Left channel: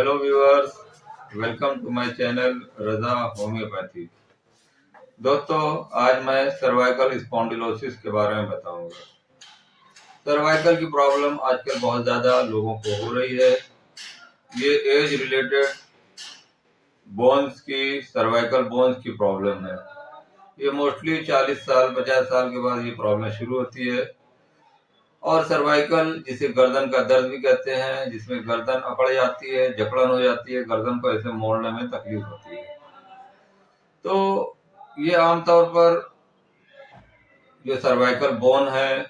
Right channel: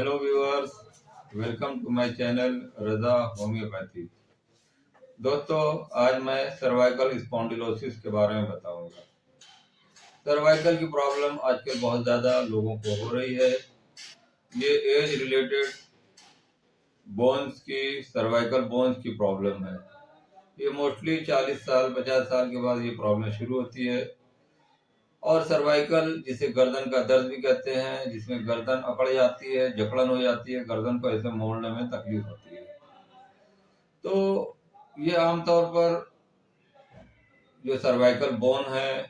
Hello viewers, welcome to my channel Raza Homeopathy. दोस्तों, आज मैं सर्वाइकल स्पॉन्डिलोसिस के बारे में बताऊंगा। सर्वाइकल की प्रॉब्लम आजकल बहुत ज़्यादा लोगों को हो रही है। ये एज रिलेटेड बोन्स की, सर्वाइकल बोन्स की प्रॉब्लम है। ये मोस्टली 40 साल 50 साल के बाद ये प्रॉब्लम शुरू होती है। और सर्वाइकल जिसे गर्दन का दर्द भी कहते हैं, जिसमें गर्दन अकड़ जाती है, जकड़न हो जाती है, गर्दन को ऐसे मोड़ने में तकलीफ होती है। तो ये आमतौर पर जो सर्वाइकल बोन है,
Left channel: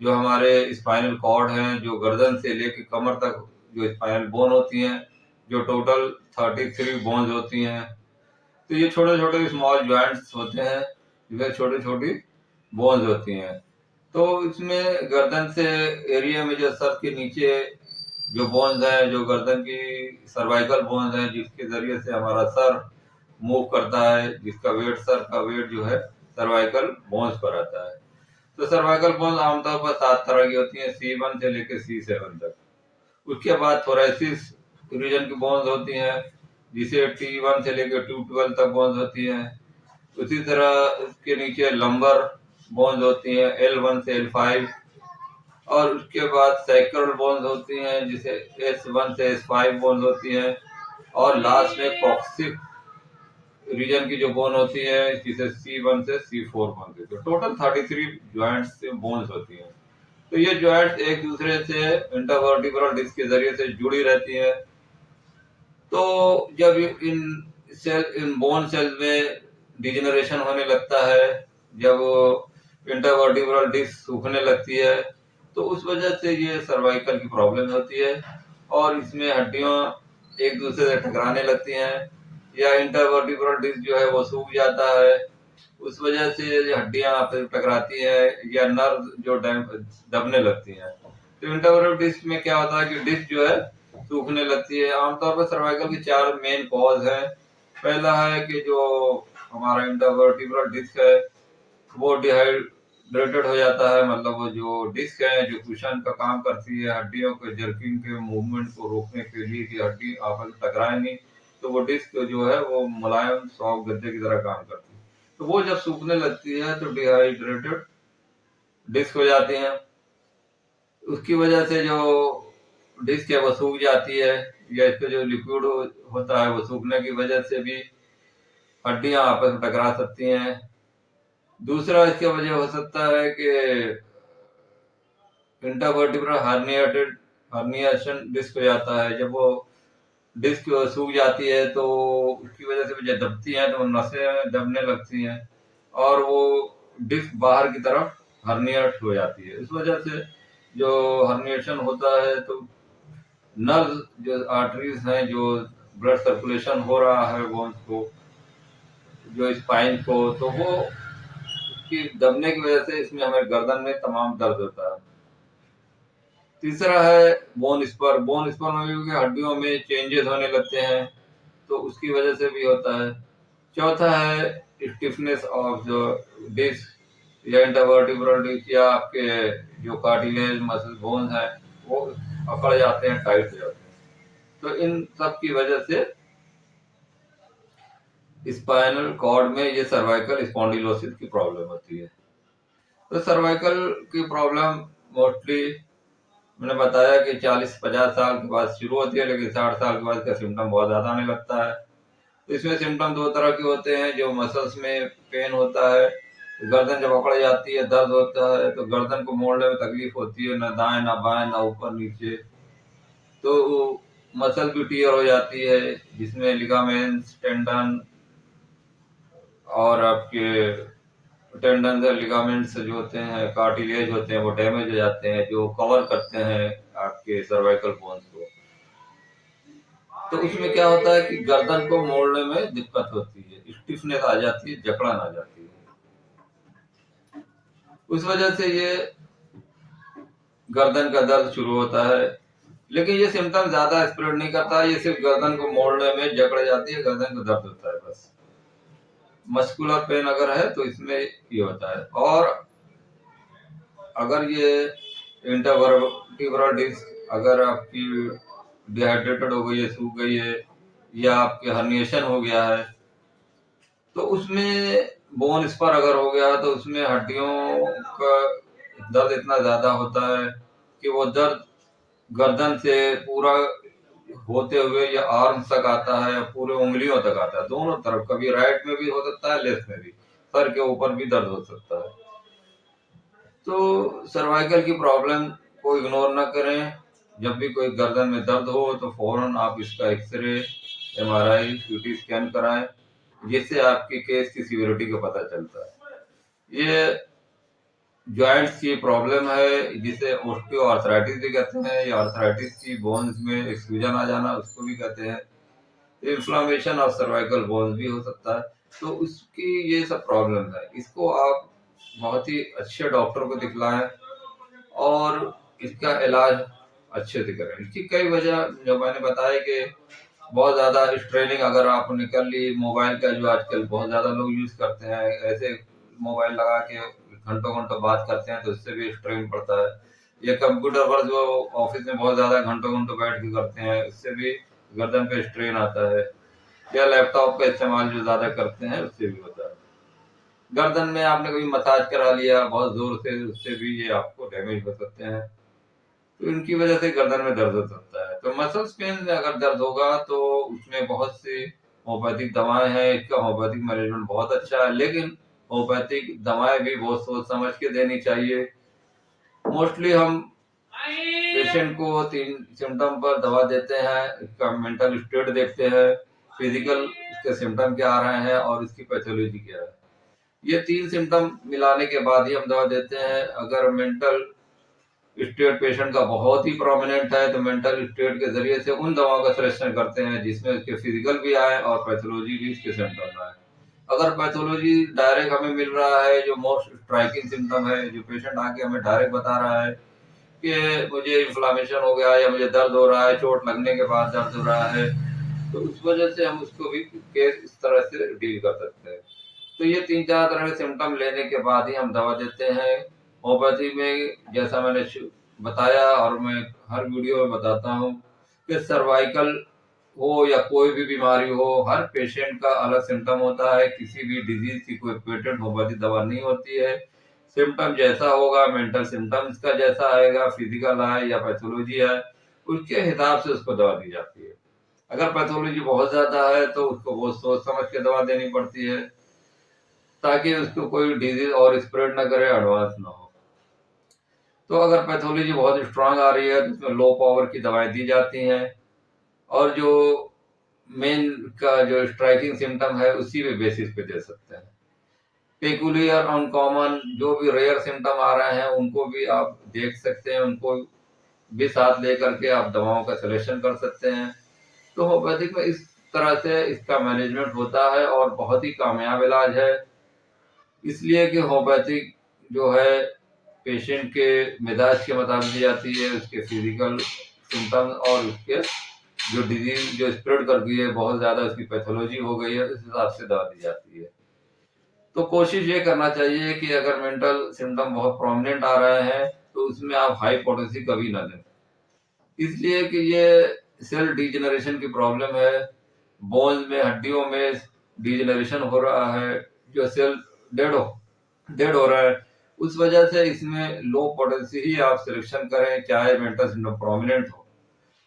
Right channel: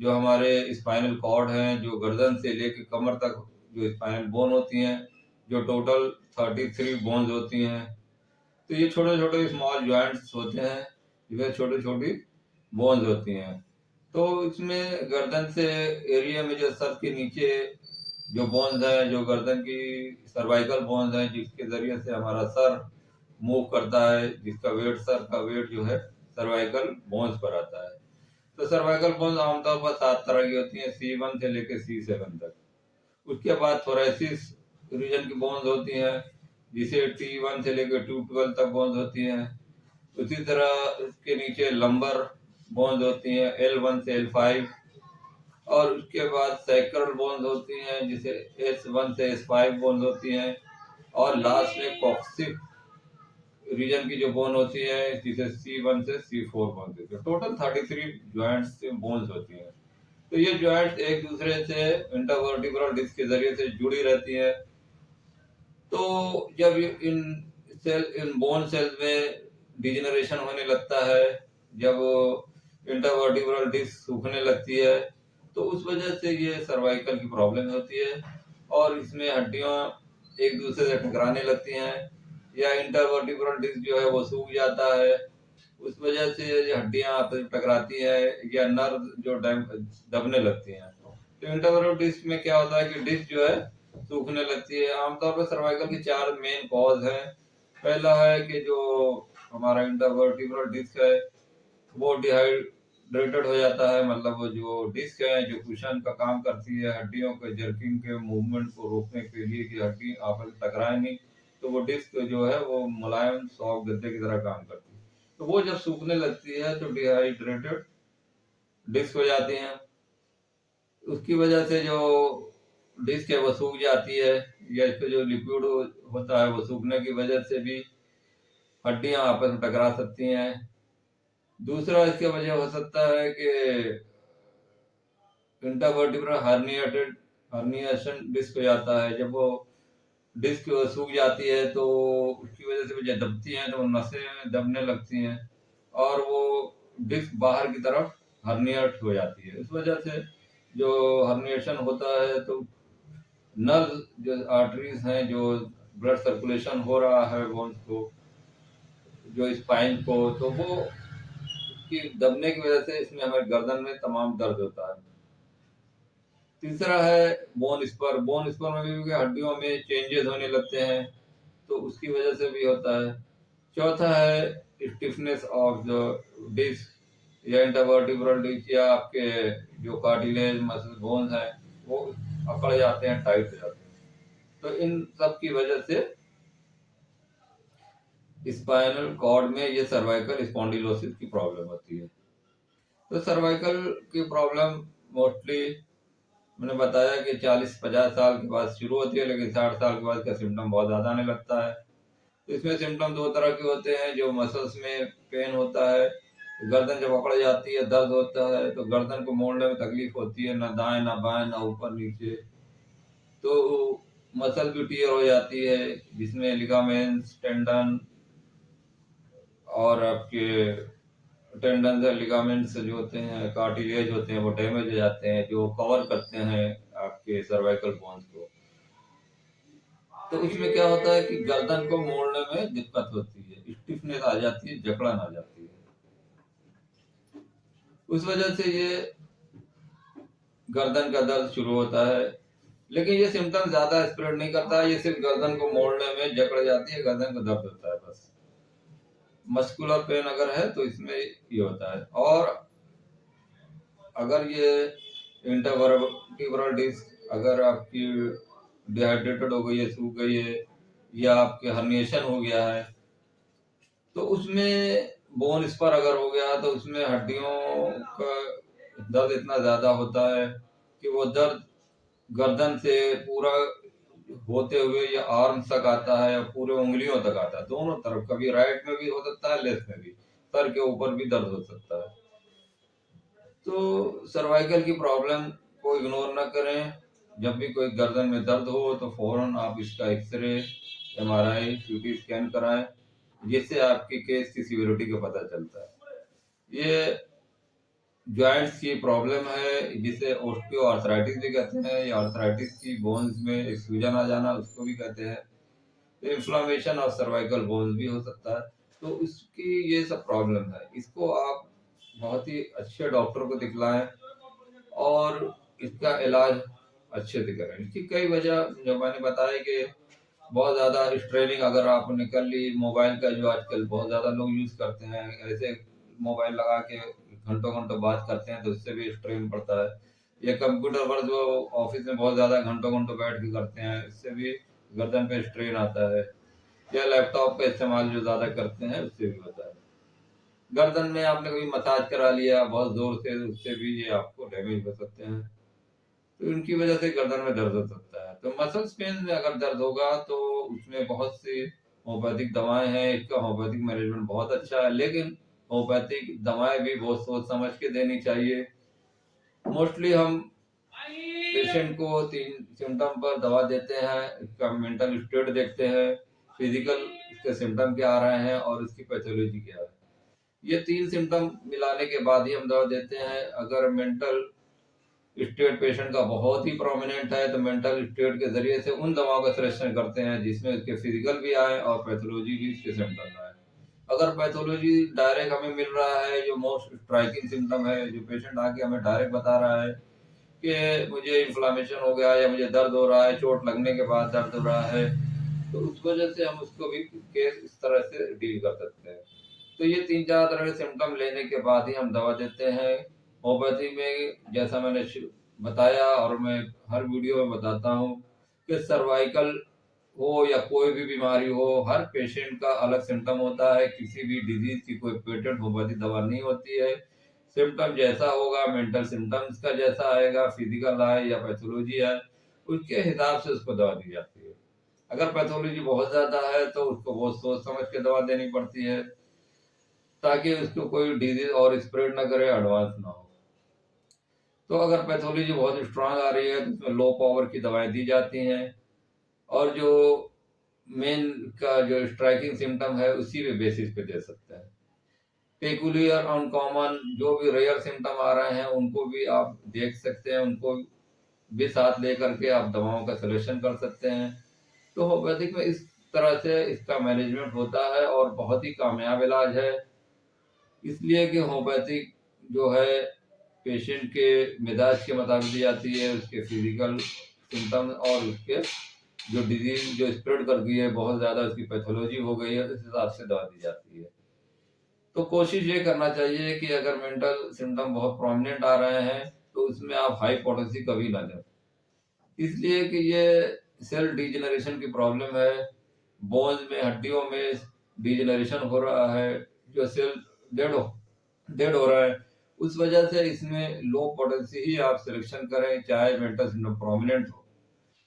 जो हमारे स्पाइनल कॉर्ड हैं, जो गर्दन से लेकर कमर तक जो स्पाइनल बोन होती हैं, जो टोटल 33 बोन्स होती हैं। तो ये छोटे छोटे स्मॉल जॉइंट्स होते हैं, जिसमें छोटी छोटी बोन्स होती हैं। तो इसमें गर्दन से एरिया में जो सर के नीचे जो बोन्स हैं, जो गर्दन की सर्वाइकल बोन्स हैं, जिसके जरिए से हमारा सर मूव करता है, जिसका वेट, सर का वेट जो है सर्वाइकल बोन्स पर आता है। तो सर्वाइकल बोन्स आमतौर पर 7 तरह की होती हैं, C1 से लेकर C7 तक। उसके बाद थोरेसिस रीजन की बोन्स होती हैं, जिसे T1 से लेकर T12 तक बोन्स होती हैं। उसी तरह उसके नीचे लंबर बोन्स होती हैं, L1 से L5। और उसके बाद सैक्रल बोन्स होती हैं, जिसे S1 से S5 बोन्स होती हैं। और लास्ट में कॉक्सिक रीजन की जो बोन होती है, जिसे C1 से C4 बोन होती है। टोटल 33 जॉइंट्स से बोन्स होती हैं। तो ये जॉइंट्स एक दूसरे से इंटरवर्टिब्रल डिस्क के जरिए से जुड़ी रहती हैं। तो जब इन बोन सेल्स में डिजेनरेशन होने लगता है, जब इंटरवर्टिब्रल डिस्क सूखने लगती है, तो उस वजह से ये सर्वाइकल की प्रॉब्लम होती है। और इसमें हड्डियां एक दूसरे से टकराने लगती हैं, या इंटरवर्टिब्रल डिस्क जो है वो सूख जाता है। उस वजह से हड्डियां आपस में टकराती हैं, या नर्व जो दबने लगती हैं। तो इंटरवर्टिब्रल डिस्क में क्या होता है कि डिस्क जो है सूखने लगती है। आमतौर पर सर्वाइकल के 4 मेन कॉज हैं। पहला है कि जो हमारा इंटरवर्टिब्रल डिस्क है वो डिहाइड्रेटेड हो जाता है, मतलब वो जो डिस्क है, जो कुशन का काम करती है हड्डियों के जर्किंग के मूवमेंट को रोकने के लिए कि हड्डी आपस में टकराए नहीं, तो वो डिस्क जो है वो मुलायम सॉफ्ट गद्दे की तरह काम करती है। तो वो जब सूखने लगती है तो डिहाइड्रेटेड डिस्क हो जाती है। उसकी वजह से जो डिस्क है वो सूख जाती है, या इसका जो लिक्विड होता है वो सूखने की वजह से भी हड्डियां आपस में टकरा सकती हैं। दूसरा इसकी वजह हो सकता है कि इंटरवर्टिब्रल हर्निएशन डिस्क हो जाता है। जब वो डिस्क सूख जाती है तो उसकी वजह से जब दबती है तो नसें दबने लगती हैं, और वो डिस्क बाहर की तरफ हर्निएट हो जाती है। इस वजह से जो हर्निएशन होता है तो नर्व, जो आर्टरीज हैं, जो ब्लड सर्कुलेशन हो रहा है बोन्स को, जो स्पाइन को, तो वो उसकी दबने की वजह से इसमें हमें गर्दन में तमाम दर्द होता है। तीसरा है बोन स्पर। बोन स्पर में भी क्योंकि हड्डियों में चेंजेस होने लगते हैं, तो उसकी वजह से भी होता है। चौथा है स्टिफनेस ऑफ जो डिस्क, या इंटरवर्टिब्रल डिस्क, या आपके जो कार्टिलेज मसल बोन्स हैं वो अकड़ जाते हैं, टाइट हो जाते हैं। तो इन सब की वजह से स्पाइनल कॉर्ड में ये सर्वाइकल स्पॉन्डिलोसिस की प्रॉब्लम होती है। तो सर्वाइकल की प्रॉब्लम मोस्टली मैंने बताया कि 40-50 साल के बाद शुरू होती है, लेकिन 60 साल के बाद इसका सिम्टम बहुत ज़्यादा आने लगता है। तो इसमें सिम्टम 2 तरह के होते हैं। जो मसल्स में पेन होता है, गर्दन जब अकड़ जाती है, दर्द होता है, तो गर्दन को मोड़ने में तकलीफ होती है, ना दाएं ना बाएं, ना ऊपर नीचे। तो मसल भी टीयर हो जाती है, जिसमें लिगामेंट्स, टेंडन और आपके टेंडन से लिगामेंट्स जो होते हैं, कार्टिलेज होते हैं, वो डैमेज हो जाते हैं, जो कवर करते हैं आपके सर्वाइकल बोन्स को। तो उसमें क्या होता है कि गर्दन को मोड़ने में दिक्कत होती है, स्टिफनेस आ जाती है, जकड़न आ जाती है। उस वजह से ये गर्दन का दर्द शुरू होता है। लेकिन ये सिम्टम ज्यादा स्प्रेड नहीं करता, ये सिर्फ गर्दन को मोड़ने में जकड़ जाती है, गर्दन को दर्द होता है बस। मस्कुलर पेन अगर है तो इसमें ये होता है। और अगर ये इंटरवर्टिब्रल डिस्क अगर आपकी डिहाइड्रेटेड हो गई है, सूख गई है, या आपके हर्निएशन हो गया है, तो उसमें बोन स्पर अगर हो गया तो उसमें हड्डियों का दर्द इतना ज्यादा होता है कि वो दर्द गर्दन से पूरा होते हुए या आर्म तक आता है, पूरे उंगलियों तक आता है, दोनों तरफ। कभी राइट में भी हो सकता है, लेफ्ट में भी, सर के ऊपर भी दर्द हो सकता है। तो सर्वाइकल की प्रॉब्लम को इग्नोर ना करें। जब भी कोई गर्दन में दर्द हो तो फौरन आप इसका एक्सरे, एमआरआई, सीटी स्कैन कराएं, जिससे आपकी केस की सीवियरिटी का पता चलता है। ये जॉइंट्स की प्रॉब्लम है जिसे ऑस्टियोआर्थराइटिस भी कहते हैं, या आर्थराइटिस की बोन्स में एक्सफ्यूजन आ जाना उसको भी कहते हैं। इन्फ्लामेशन ऑफ सर्वाइकल बोन्स भी हो सकता है। तो उसकी ये सब प्रॉब्लम है, इसको आप बहुत ही अच्छे डॉक्टर को दिखलाएं और इसका इलाज अच्छे से करें। इसकी कई वजह जो मैंने बताया कि बहुत ज़्यादा स्ट्रेनिंग अगर आपने कर ली, मोबाइल का जो आजकल बहुत ज़्यादा लोग यूज़ करते हैं, ऐसे मोबाइल लगा के घंटों घंटों बात करते हैं तो इससे भी स्ट्रेन पड़ता है। ये कंप्यूटर पर जो ऑफिस में बहुत ज़्यादा घंटों घंटों बैठ के करते हैं, इससे भी गर्दन पे स्ट्रेन आता है। या लैपटॉप का इस्तेमाल जो ज़्यादा करते हैं उससे भी होता है। गर्दन में आपने कभी मसाज करा लिया बहुत जोर से, उससे भी ये आपको डैमेज हो सकते हैं। तो इनकी वजह से गर्दन में दर्द हो सकता है। तो मसल्स पेन में अगर दर्द होगा तो उसमें बहुत सी होम्योपैथिक दवाएं हैं। इसका होम्योपैथिक मैनेजमेंट बहुत अच्छा है, लेकिन होम्योपैथिक दवाएं भी बहुत सोच समझ के देनी चाहिए। मोस्टली हम पेशेंट को 3 सिम्टम पर दवा देते हैं। इसका मेंटल स्टेट देखते हैं, फिजिकल इसके सिम्टम क्या आ रहे हैं और इसकी पैथोलॉजी क्या है। ये 3 सिम्टम मिलाने के बाद ही हम दवा देते हैं। अगर मेंटल स्टेट पेशेंट का बहुत ही प्रोमिनेंट है तो मेंटल स्टेट के जरिए से उन दवाओं का सिलेक्शन करते हैं जिसमें उसके फिजिकल भी आए और पैथोलॉजी भी इसके सिम्टम आए। अगर पैथोलॉजी डायरेक्ट हमें मिल रहा है, जो मोस्ट स्ट्राइकिंग सिम्टम है, जो पेशेंट आके हमें डायरेक्ट बता रहा है कि मुझे इन्फ्लामेशन हो गया या मुझे दर्द हो रहा है, चोट लगने के बाद दर्द हो रहा है, तो उस वजह से हम उसको भी केस इस तरह से डील कर सकते हैं। तो ये 3-4 तरह के सिम्टम लेने के बाद ही हम दवा देते हैं। होम्योपैथी में जैसा मैंने बताया और मैं हर वीडियो में बताता हूँ कि सर्वाइकल हो या कोई भी बीमारी हो, हर पेशेंट का अलग सिम्टम होता है। किसी भी डिजीज की कोई पेटेंट होम्योपैथी दवा नहीं होती है। सिम्टम जैसा होगा, मेंटल सिम्टम्स का जैसा आएगा, फिजिकल है या पैथोलॉजी है, उसके हिसाब से उसको दवा दी जाती है। अगर पैथोलॉजी बहुत ज्यादा है तो उसको बहुत सोच समझ के दवा देनी पड़ती है ताकि उसको कोई डिजीज और स्प्रेड ना करे, एडवांस ना हो। तो अगर पैथोलॉजी बहुत स्ट्रांग आ रही है तो उसमें लो पावर की दवाएं दी जाती हैं, और जो मेन का जो स्ट्राइकिंग सिम्टम है उसी पे बेसिस पे दे सकते हैं। पेकुलियर, अनकॉमन, जो भी रेयर सिम्टम आ रहे हैं उनको भी आप देख सकते हैं, उनको भी साथ लेकर के आप दवाओं का सिलेक्शन कर सकते हैं। तो होम्योपैथिक में इस तरह से इसका मैनेजमेंट होता है और बहुत ही कामयाब इलाज है। इसलिए कि होम्योपैथिक जो है पेशेंट के मिजाज के मुताबिक दी जाती है, उसके फिजिकल सिम्टम्स और उसके जो डिजीज जो स्प्रेड कर गई है, बहुत ज़्यादा उसकी पैथोलॉजी हो गई है, उस हिसाब से दवा दी जाती है। तो कोशिश ये करना चाहिए कि अगर मेंटल सिम्टम बहुत प्रोमिनेंट आ रहे हैं तो उसमें आप हाई पोटेंसी कभी ना दें, इसलिए कि ये सेल डिजेनरेशन की प्रॉब्लम है। बोन्स में, हड्डियों में डिजेनरेशन हो रहा है, जो सेल डेड हो डेड हो रहा है। उस वजह से इसमें लो पोटेंसी ही आप सिलेक्शन करें, चाहे मेंटल सिम्टम प्रोमिनेंट हो,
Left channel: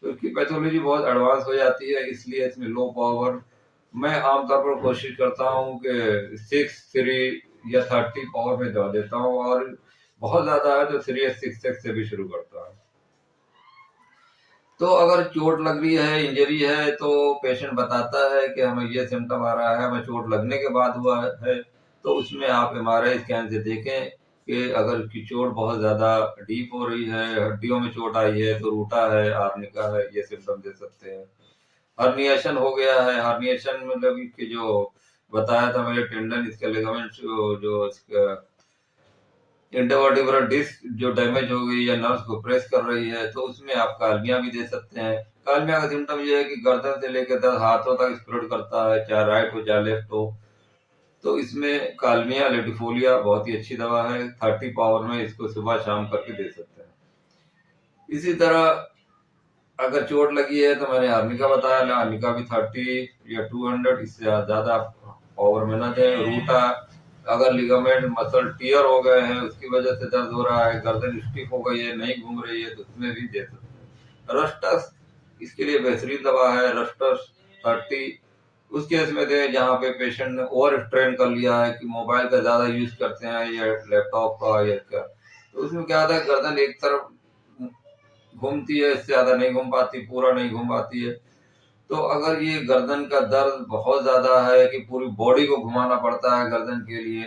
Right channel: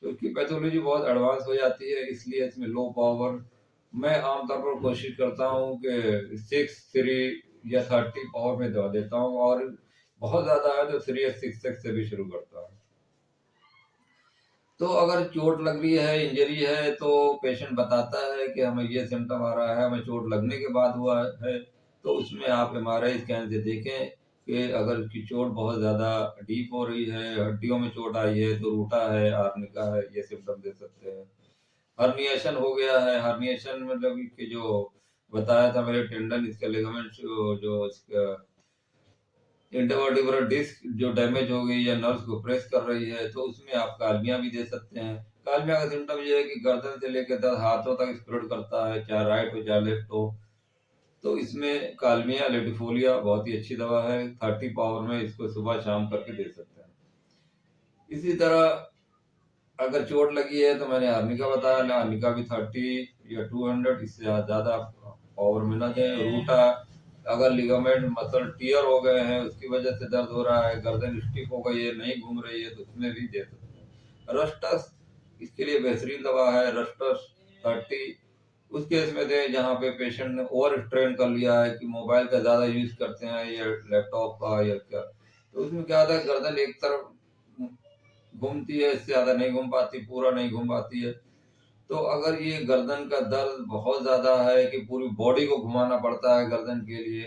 क्योंकि पैथोलॉजी बहुत एडवांस हो जाती है। इसलिए इसमें लो पावर, मैं आमतौर पर कोशिश करता हूँ कि 6, 3 या 30 पावर में दवा देता हूँ, और बहुत ज़्यादा है तो 3 या 6 से भी शुरू करता हूँ। तो अगर चोट लग रही है, इंजरी है, तो पेशेंट बताता है कि हमें ये सिम्टम आ रहा है, हमें चोट लगने के बाद हुआ है, तो उसमें आप एमआरआई स्कैन से देखें कि अगर उसकी चोट बहुत ज़्यादा डीप हो रही है, हड्डियों में चोट आई है, तो रूटा है, आर्निका है, ये सिम्टम दे सकते हैं। हर्निएशन हो गया है, हर्निएशन मतलब कि जो बताया था मेरे टेंडन, इसके लिगामेंट्स जो इसका इंटरवर्टिब्रल डिस्क जो डैमेज हो गई या नर्व्स को प्रेस कर रही है, तो उसमें आप कालमिया भी दे सकते हैं। कालमिया का सिम्टम ये है कि गर्दन से लेकर 10 हाथों तक स्प्रेड करता है, चाहे राइट हो चाहे लेफ्ट हो। तो इसमें कालमिया लेटिफोलिया बहुत ही अच्छी दवा है, 30 पावर में इसको सुबह शाम करके दे सकते हैं। इसी तरह अगर चोट लगी है तो मैंने आर्निका बताया, आर्निका भी 30 या 200, इससे ज़्यादा पावर में ना दें। रूटा, अगर लिगामेंट मसल टियर हो गए हैं, उसकी वजह से दर्द हो रहा है, गर्दन स्टिफ हो गई है, नहीं घूम रही है, तो उसमें भी दे सकते हैं। रस्टस इसके लिए बेहतरीन दवा है, रस्टस 30 उस केस में दें जहाँ पे पेशेंट ने ओवर स्ट्रेन कर लिया है, कि मोबाइल का ज़्यादा यूज़ करते हैं या लैपटॉप का या क्या, तो उसमें क्या होता है गर्दन एक तरफ घूमती है, इससे ज़्यादा नहीं घूम पाती, पूरा नहीं घूम पाती है। तो अगर ये गर्दन का दर्द बहुत ज़्यादा है कि पूरी बॉडी को घुमाना पड़ता है गर्दन के लिए,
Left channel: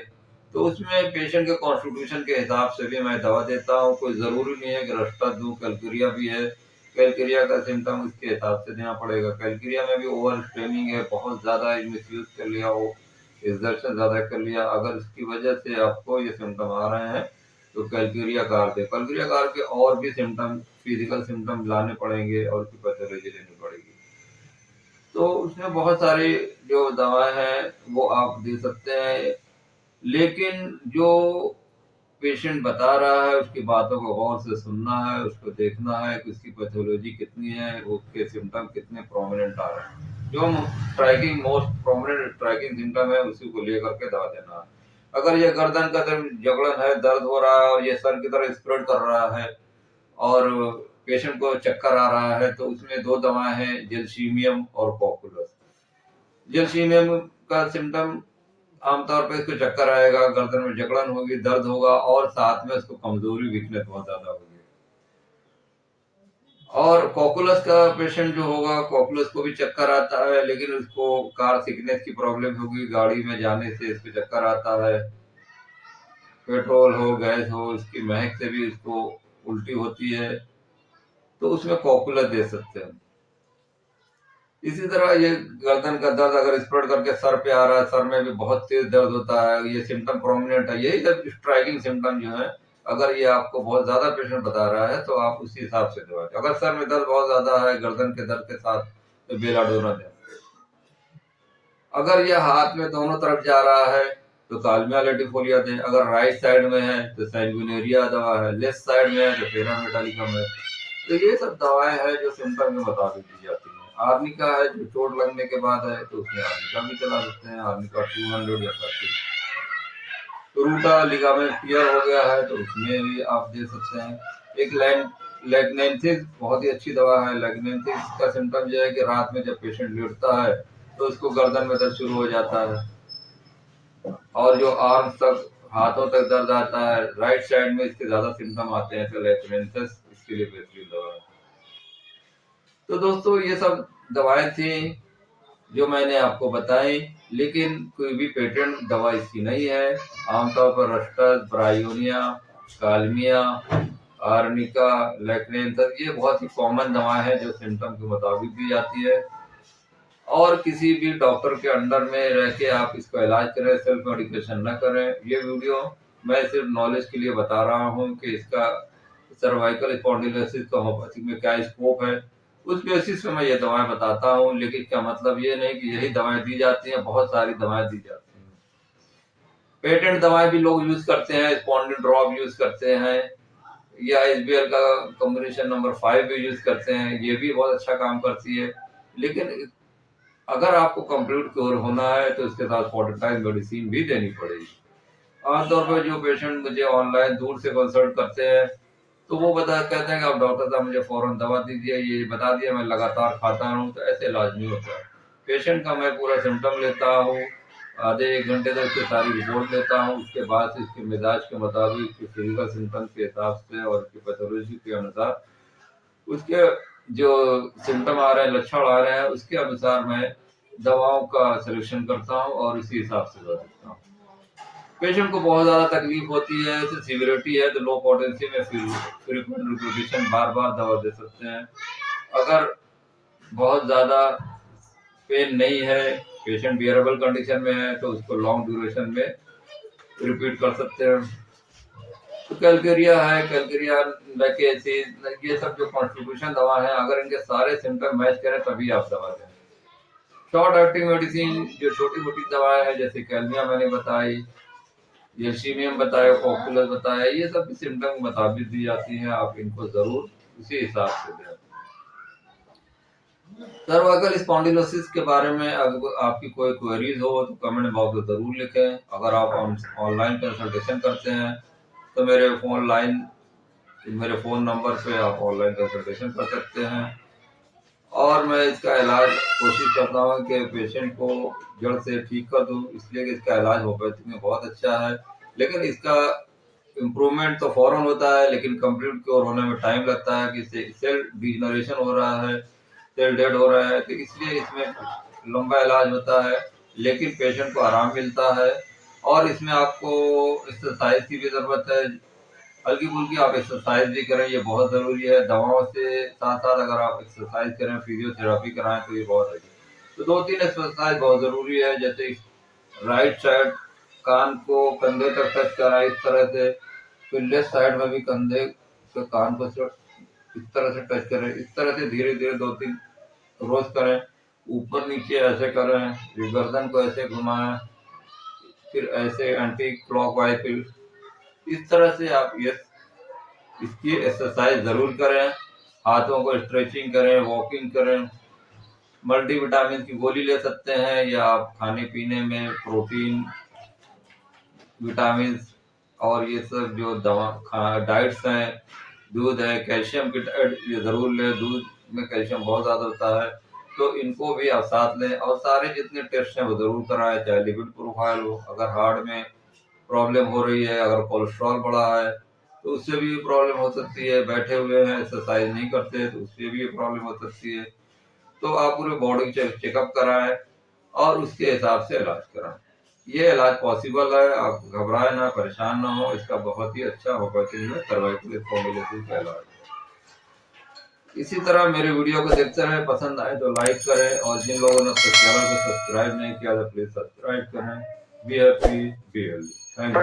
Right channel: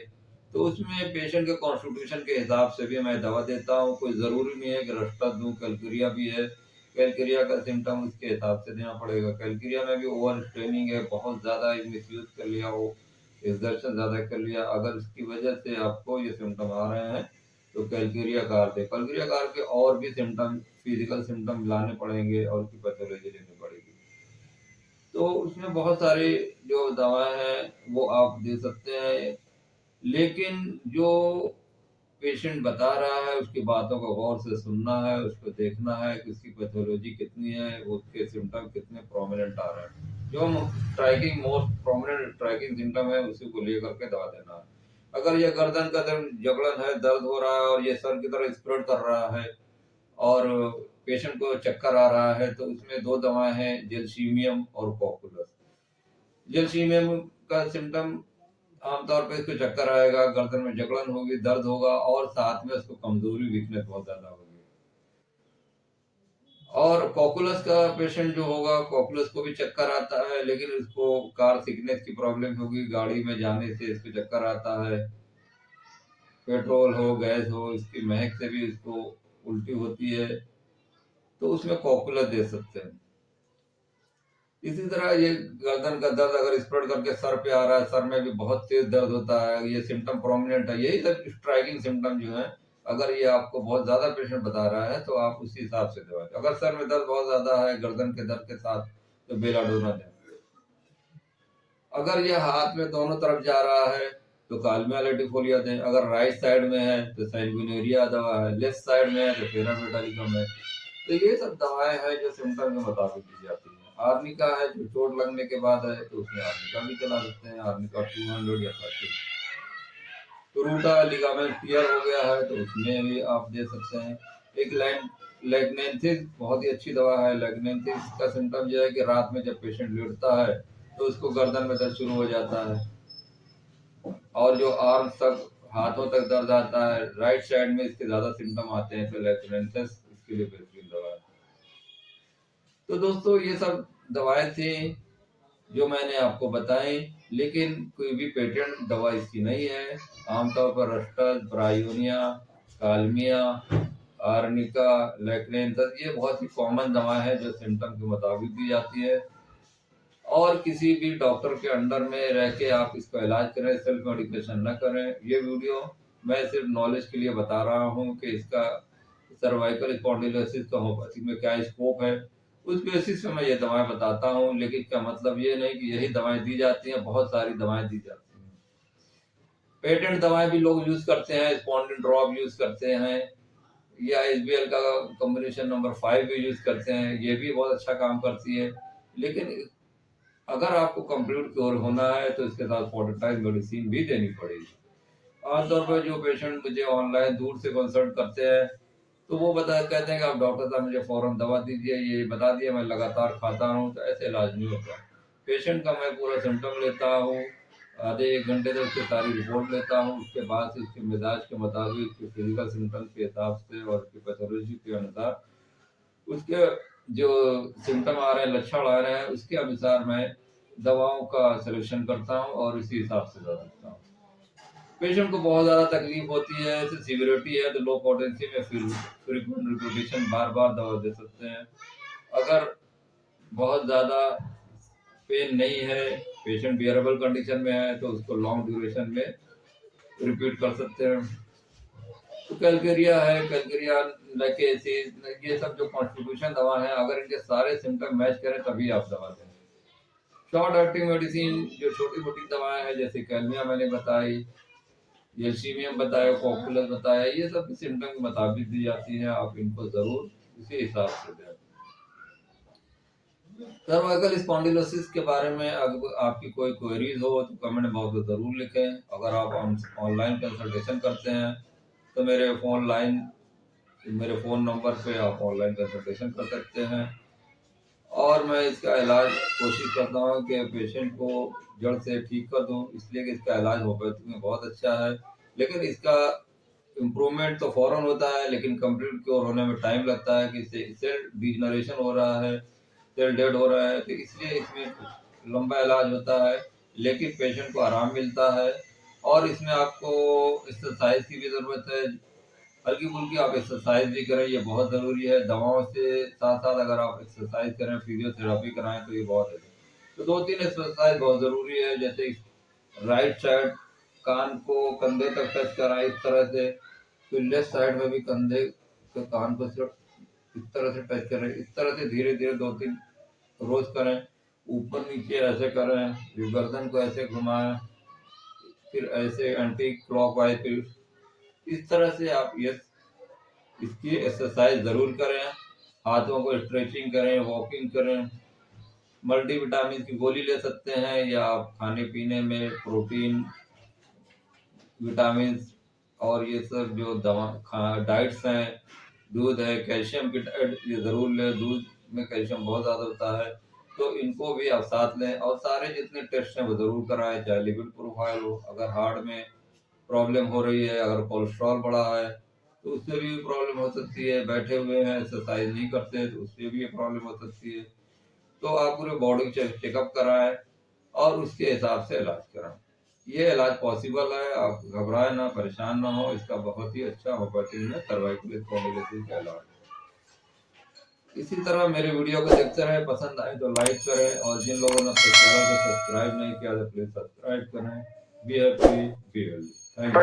तो उसमें पेशेंट के कॉन्स्टिट्यूशन के हिसाब से भी मैं दवा देता हूँ। कोई ज़रूरी नहीं है कि रस्टा दूँ, कैलकेरिया भी है, कैलकेरिया का सिम्टम उसके हिसाब से देना पड़ेगा। कैलकेरिया में भी ओवर स्ट्रेनिंग है, बहुत ज़्यादा मिसयूज़ कर लिया हो, एक्सर्शन ज़्यादा कर लिया, अगर इसकी वजह से आपको ये सिम्टम आ रहे हैं तो कैलकेरिया कार दे। कैलकेरिया कार के और भी सिम्टम, फिजिकल सिम्टम लाने पड़ेंगे और उसकी पैथोलॉजी लेनी पड़ेगी। तो उसमें बहुत सारी जो दवाएं हैं वो आप दे सकते हैं, लेकिन जो पेशेंट बता रहा है उसकी बातों को गौर से सुनना है, उसको देखना है कि उसकी पैथोलॉजी कितनी है, उसके सिम्टम कितने प्रोमिनेंट आ रहे हैं। जो striking most prominent striking symptom है उसी को लेकर के दवा देना है। अगर ये गर्दन का जकड़न है, दर्द हो रहा है और ये सर की तरह स्प्रेड कर रहा है और पेशेंट को चक्कर आ रहा है, तो उसमें दो दवाएं हैं, जेलसीमियम और कॉकुलस। जेलसीमियम का सिम्टम आमतौर पे इसको चक्कर आएगा, गर्दन में जकड़न होगी, दर्द होगा और साथ में उसको कमजोरी, वीकनेस बहुत ज्यादा होगी। और कॉकुलस का पेशेंट जो होगा, कॉकुलस को भी चक्कर आता है, लेकिन उसको कार सिकनेस की प्रॉब्लम होगी, गाड़ी में जाने से इसको चक्कर आता है, पेट्रोल हो गैस हो इसकी महक से भी इसको उल्टी होती है, तो उसमें कॉकुलस दे सकते हैं। इसी तरह ये गर्दन का दर्द अगर स्प्रेड करके सर पे आ रहा है, सर में भी बहुत तेज दर्द होता है, ये सिम्टम प्रोमिनेंट है, यही सब स्ट्राइकिंग सिम्टम जो है, अगर ये आपको बहुत ज्यादा पेशेंट बता रहा है तो आप उसी हिसाब से दवा दें। अगर सर में दर्द बहुत ज्यादा है गर्दन के दर्द के साथ, तो बेलाडोना दें। अगर ये हाथ में दोनों तरफ जा रहा है तो कालमिया लेटिफोलिया दें। अगर राइट साइड में है तो सैंगुइनेरिया दवा है, लेफ्ट साइड में है तो फेरामेटालिकम है। तो ये सब दवाएं हैं जो सिम्टम के मुताबिक दी जाती हैं। आर्निका है जो चोट लगने के बाद है, तो उसमें आर्निका भी चला सकते हैं, आर्निका 200 या 30। रूटा लिगामेंट टियर हो गया है तो उसमें भी आप दे सकते हैं। एक लेग्नेंथिस बहुत ही अच्छी दवा है। लेग्नेंथिस का सिम्टम यह है कि रात में जब पेशेंट लेटता है तो उसको गर्दन में दर्द शुरू हो जाता है, और जो आर्म तक, हाथों तक दर्द आता है, राइट साइड में इसके ज्यादा सिम्टम आते हैं, तो लेग्नेंथिस इसके लिए बेहतरीन दवा है। तो दोस्तों ये सब दवाएं थी जो मैंने आपको बताई, लेकिन कोई भी पेटेंट दवा इसकी नहीं है। आमतौर पर रस्टस, ब्रायोनिया, कालमिया, आर्निका, लेक्नेंथस ये बहुत ही कॉमन दवाएं हैं जो सिम्टम के मुताबिक दी जाती है, और किसी भी डॉक्टर के अंडर में रह के आप इसको इलाज करें, सेल्फ मेडिकेशन न करें। ये वीडियो मैं सिर्फ नॉलेज के लिए बता रहा हूँ कि इसका सर्वाइकल स्पॉन्डिलोसिस का होम्योपैथी में क्या स्कोप है, उस बेसिस पे मैं ये दवाएं बताता हूँ। लेकिन क्या मतलब ये नहीं कि यही दवाएं दी जाती हैं, बहुत सारी दवाएं दी जाती हैं। पेटेंट दवाएं भी लोग यूज करते हैं, स्पॉन्डिल ड्रॉप यूज करते हैं, या एसबीएल का कॉम्बिनेशन नंबर 5 भी यूज करते हैं, ये भी बहुत अच्छा काम करती है। लेकिन अगर आपको कंप्लीट क्योर होना है तो इसके साथ फोर्टिटाइज मेडिसिन भी देनी पड़ेगी। आमतौर पर जो पेशेंट मुझे ऑनलाइन दूर से कंसल्ट करते हैं, तो वो कहते हैं कि आप डॉक्टर साहब मुझे फौरन दवा दीजिए, ये बता दिया, मैं लगातार खाता हूँ, तो ऐसे इलाज नहीं होता। पेशेंट का मैं पूरा सिम्टम लेता हूँ, आधे 1 घंटे तक उसकी सारी रिपोर्ट लेता हूँ, उसके बाद से इसके मिजाज के मुताबिक, उसके फिजिकल सिम्टम के हिसाब से और उसकी पैथोलॉजी के अनुसार, उसके जो सिम्टम आ रहे हैं, लक्षण आ रहे हैं, उसके अनुसार मैं दवाओं का सिलेक्शन करता हूँ और इसी हिसाब से दवा देता हूँ। पेशेंट को बहुत ज़्यादा तकलीफ होती है, जैसे सीवियरिटी है, तो लो पोटेंसी में फ्रीक्वेंट रिपीटेशन बार बार दवा दे सकते हैं। अगर बहुत ज़्यादा पेन नहीं है, पेशेंट बियरेबल कंडीशन में है, तो उसको लॉन्ग ड्यूरेशन में रिपीट कर सकते हैं। तो कैलकेरिया है, कैलकेरिया, लैकेसिस, ये सब जो कॉन्स्टिट्यूशन दवा है, अगर इनके सारे सिम्टम मैच करें तभी आप दवा दें। शॉर्ट एक्टिंग मेडिसिन जो छोटी मोटी दवाएं हैं, जैसे कैलमिया मैंने बताई, जेलसीमियम बताया, कॉकुलस बताया, ये सब सिम्टम के मुताबिक दी जाती हैं, आप इनको जरूर उसी हिसाब से दें। सर्वाइकल स्पॉन्डिलोसिस के बारे में अगर आपकी कोई क्वेरीज हो तो कमेंट बॉक्स में ज़रूर लिखें। अगर आप ऑनलाइन कंसल्टेशन करते हैं तो मेरे फ़ोन नंबर पे आप ऑनलाइन कंसल्टेशन कर सकते हैं। और मैं इसका इलाज कोशिश करता हूँ कि पेशेंट को जड़ से ठीक कर दूँ, इसलिए कि इसका इलाज होम्योपैथी में बहुत अच्छा है। लेकिन इसका इम्प्रूवमेंट तो फ़ौरन होता है, लेकिन कंप्लीट क्योर होने में टाइम लगता है कि सेल डिजनरेशन हो रहा है, सेल डेड हो रहा है, तो इसलिए इसमें लंबा इलाज होता है, लेकिन पेशेंट को आराम मिलता है। और इसमें आपको एक्सरसाइज की भी ज़रूरत है, हल्की फुल्की आप एक्सरसाइज भी करें, ये बहुत ज़रूरी है। दवाओं से साथ साथ अगर आप एक्सरसाइज करें, फिजियोथेरापी कराएं तो ये बहुत है। तो 2-3 एक्सरसाइज बहुत ज़रूरी है, जैसे राइट साइड कान को कंधे तक टच कराएं इस तरह से, फिर लेफ्ट साइड में भी कंधे के कान को इस तरह से टच करें, इस तरह से धीरे धीरे 2-3 रोज करें। ऊपर नीचे ऐसे करें, फिर गर्दन को ऐसे घुमाएं, फिर ऐसे एंटी क्लॉकवाइज, फिर इस तरह से आप ये इसकी एक्सरसाइज ज़रूर करें। हाथों को स्ट्रेचिंग करें, वॉकिंग करें। मल्टीविटामिन की गोली ले सकते हैं, या आप खाने पीने में प्रोटीन, विटामिन और ये सब जो डाइट्स हैं, दूध है, कैल्शियम की डाइट ये ज़रूर लें, दूध में कैल्शियम बहुत ज़्यादा होता है, तो इनको भी आप साथ लें। और सारे जितने टेस्ट हैं वो ज़रूर कराएं, चाहे लिपिड प्रोफाइल हो, अगर हार्ट में प्रॉब्लम हो रही है, अगर कोलेस्ट्रॉल बढ़ा है तो उससे भी प्रॉब्लम हो सकती है, बैठे हुए हैं एक्सरसाइज नहीं करते तो उससे भी प्रॉब्लम हो सकती है। तो आप पूरे बॉडी चेकअप कराएं और उसके हिसाब से इलाज कराएं। ये इलाज पॉसिबल है, आप घबराएं ना, परेशान ना हो। इसका बहुत ही अच्छा होम्योपैथी में सर्वाइकल स्पॉन्डिलोसिस का इलाज। इसी तरह मेरे वीडियो को देखते रहें, पसंद आए तो लाइक करें, और जिन लोगों ने अपने चैनल को सब्सक्राइब नहीं किया तो प्लीज सब्सक्राइब करें। Be happy, be healthy. Thank you.